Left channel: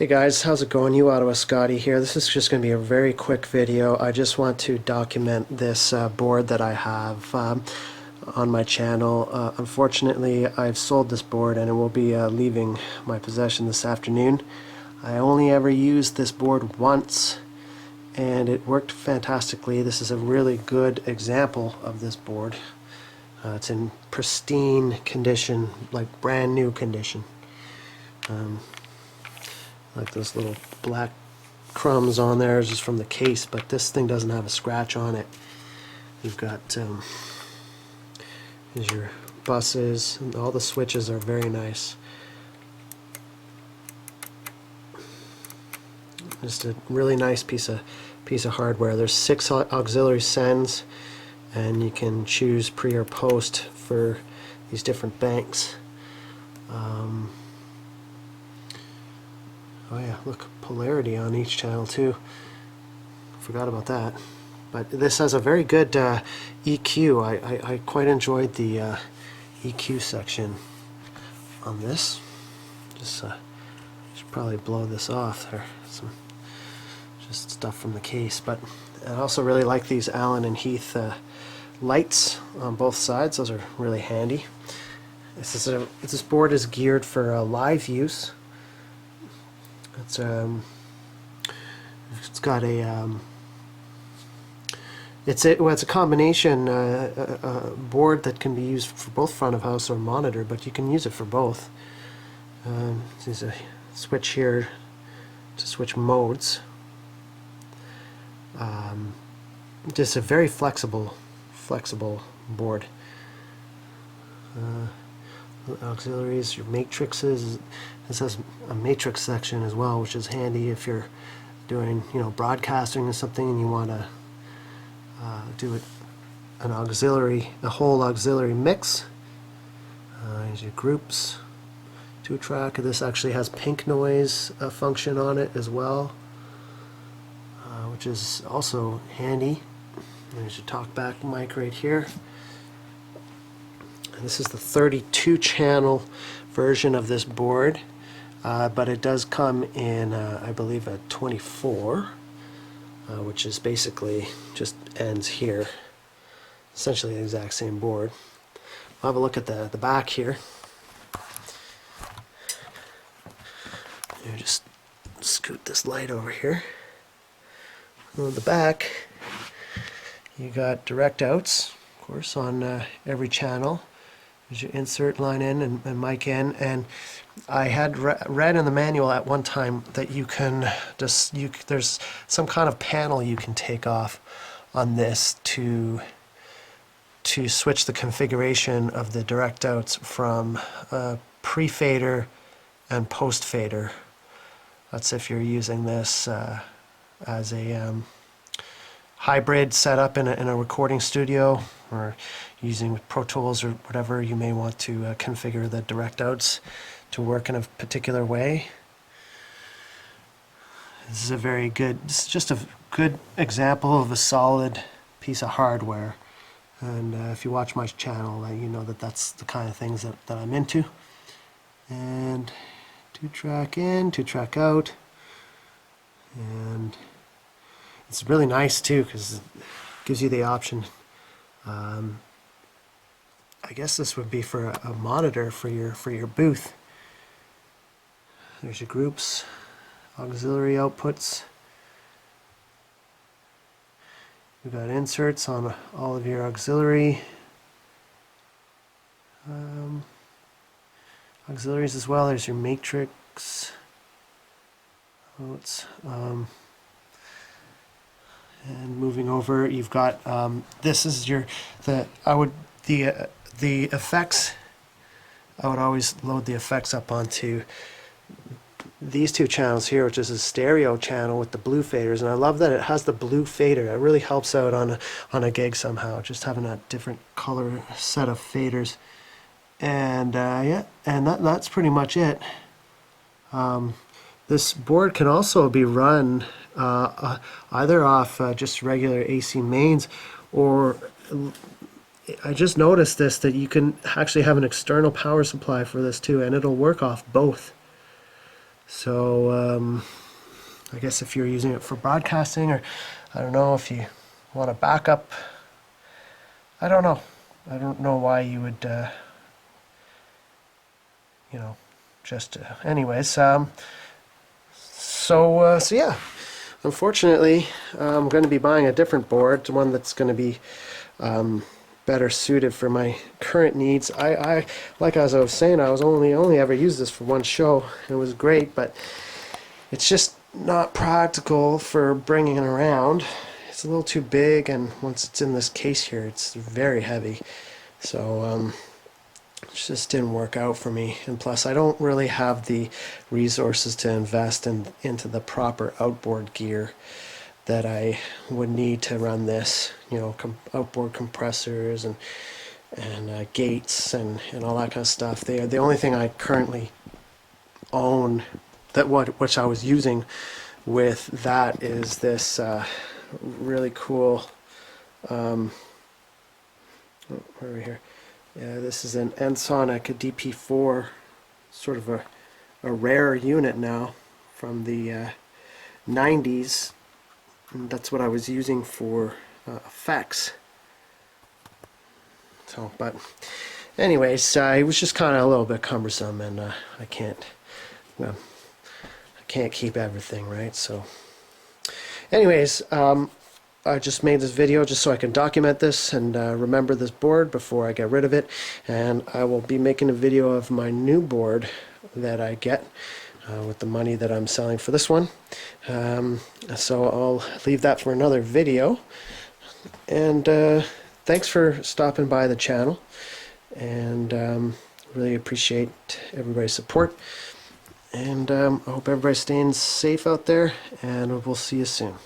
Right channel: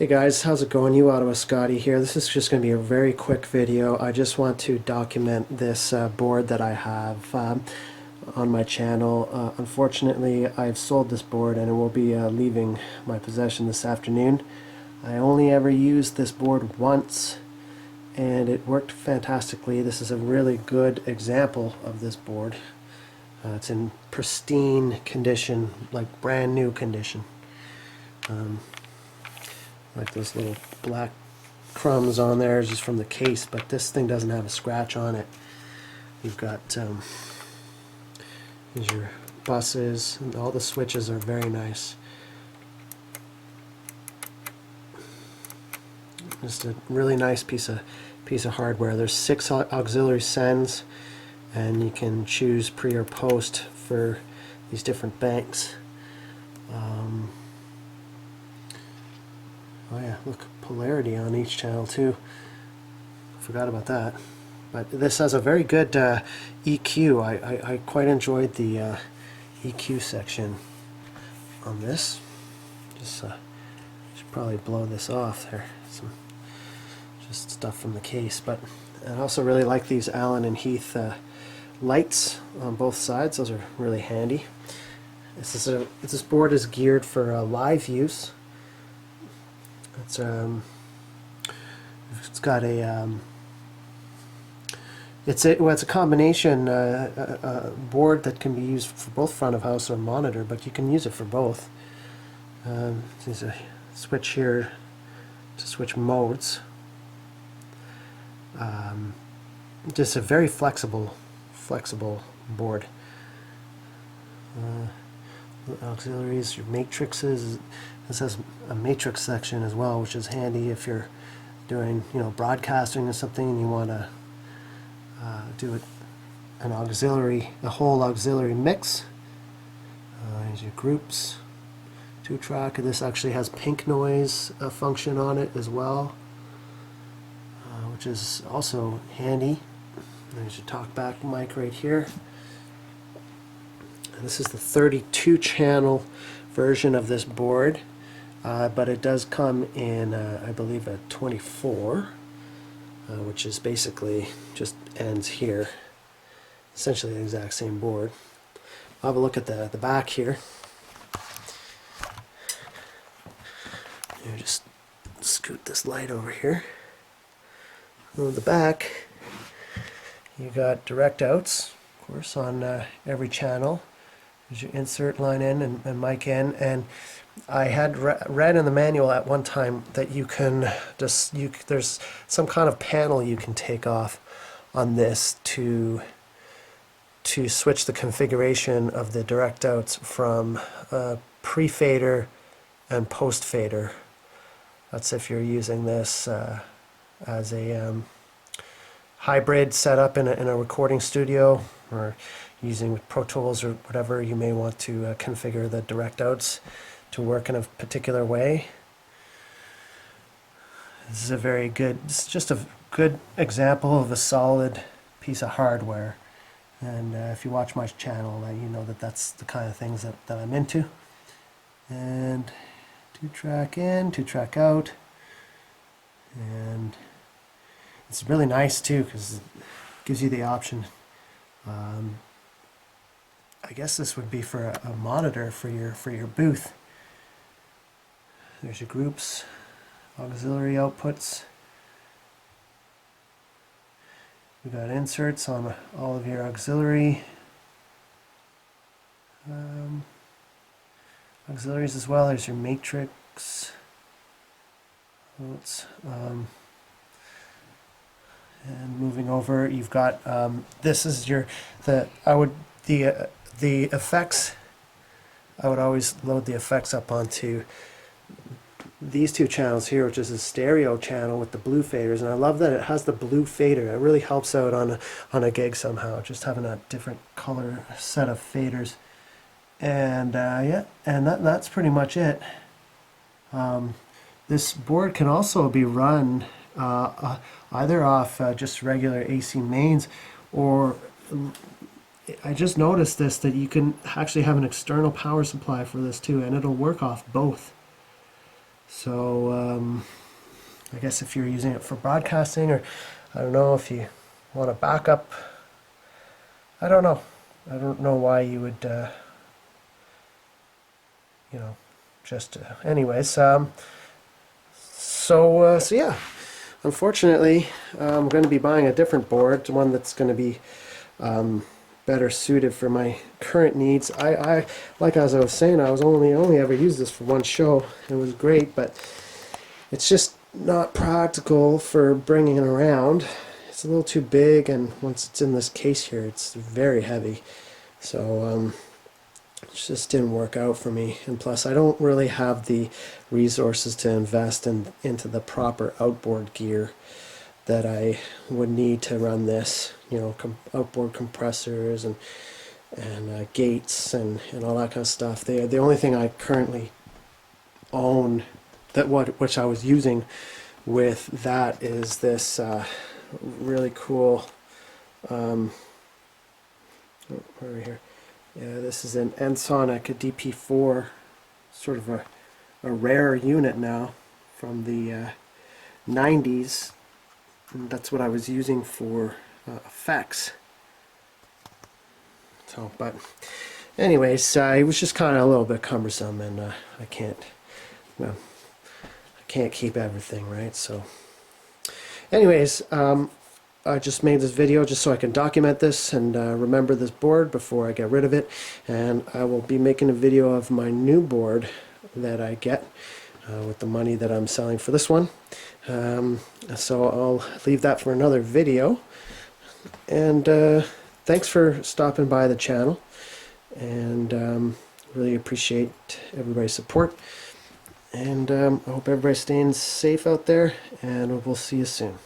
Hey guys, how's it going? You Ottawa Scotty here. This is just going to be a very quick video. I just want to document this board that I have on my channel. Unfortunately, I've sold this board and it will be leaving my possession this afternoon. I only ever used this board once and it worked fantastically. This is a really good example of this board. It's in pristine condition, like brand new condition. Like those little black crumbs on there is just from the case, but this thing doesn't have a scratch on it. You've got here's your buses, and all the switches are very nice. Just a really nice piece of hardware. There's 6 auxiliary sends, and you can choose pre or post for these different banks. Oh yeah, look, polarity on each channel too. Forgot about that. But this has a very good EQ. I quite enjoyed the EQ section on this. Should probably blow this off there. Some just stuff from the case. But I also really like these Allen and Heath lights on both sides. Those are really handy. This board is geared for live use. It's got a it's a combination board that can be used for both front of house or monitor, but you can use it for both. There's a switch here to switch modes. Just a very flexible board. Auxiliaries, your matrices. This has a matrix section as well, which is handy if you're doing, broadcasting or something and you want to do a whole auxiliary mix. Here's your groups, 2-track. This actually has pink noise function on it as well, which is also handy. There's your talkback mic right here. And this is the 32-channel version of this board. But it does come in, I believe, a 24, which is basically just ends here. Essentially the exact same board. I'll have a look at the back here. Just scoot this light over here. On the back, you got direct outs, of course, on every channel. There's your insert line in and mic in, and I had read in the manual at one time that you can there's some kind of panel you can take off on this to switch the configuration of the direct outs from pre-fader and post-fader. That's if you're using this as a hybrid setup in a recording studio, or using Pro Tools or whatever. You may want to configure the direct outs to work in a particular way. This is just a good example of a solid piece of hardware. And if you watch my channel, you know that's the kind of things that I'm into. And 2-track in, 2-track out. And it's really nice too, because it gives you the option. I guess this would be for a monitor for your booth. There's your groups, auxiliary outputs. We've got inserts on all of your auxiliaries as well. There's your matrix outs. And moving over, you've got this is the effects. I would always load the effects up onto these 2 channels here, which is a stereo channel with the blue faders, and I love that it has the blue fader. It really helps out on a gig somehow, just having a different color set of faders. And yeah, and that's pretty much it. This board can also be run either off just regular AC mains, or I just noticed that you can actually have an external power supply for this too, and it'll work off both. So I guess if you're using it for broadcasting, or I don't know if you want a backup, I don't know. I don't know why you would, you know, just anyways. So yeah. Unfortunately, I'm going to be buying a different board, one that's going to be better suited for my current needs. I like as I was saying, I was only ever used this for one show. It was great, but it's just not practical for bringing it around. It's a little too big, and once it's in this case here, it's very heavy. So it just didn't work out for me. And plus, I don't really have the resources to invest into the proper outboard gear that I would need to run this. You know, outboard compressors and gates and all that kind of stuff. The only thing I currently own which I was using with that is this really cool. Where are we here? Yeah, this is an Ensoniq DP4, sort of a rare unit now from the 90s. And that's what I was using for effects. So, but anyways, it was just kind of a little bit cumbersome, and I can't keep everything, right? So anyways, I just made this video just so I can document this and remember this board before I get rid of it. And I will be making a video of my new board that I get with the money that I'm selling for this one. So I'll leave that for another video. And thanks for stopping by the channel. And really appreciate everybody's support. And I hope everybody's staying safe out there. And we'll see you soon.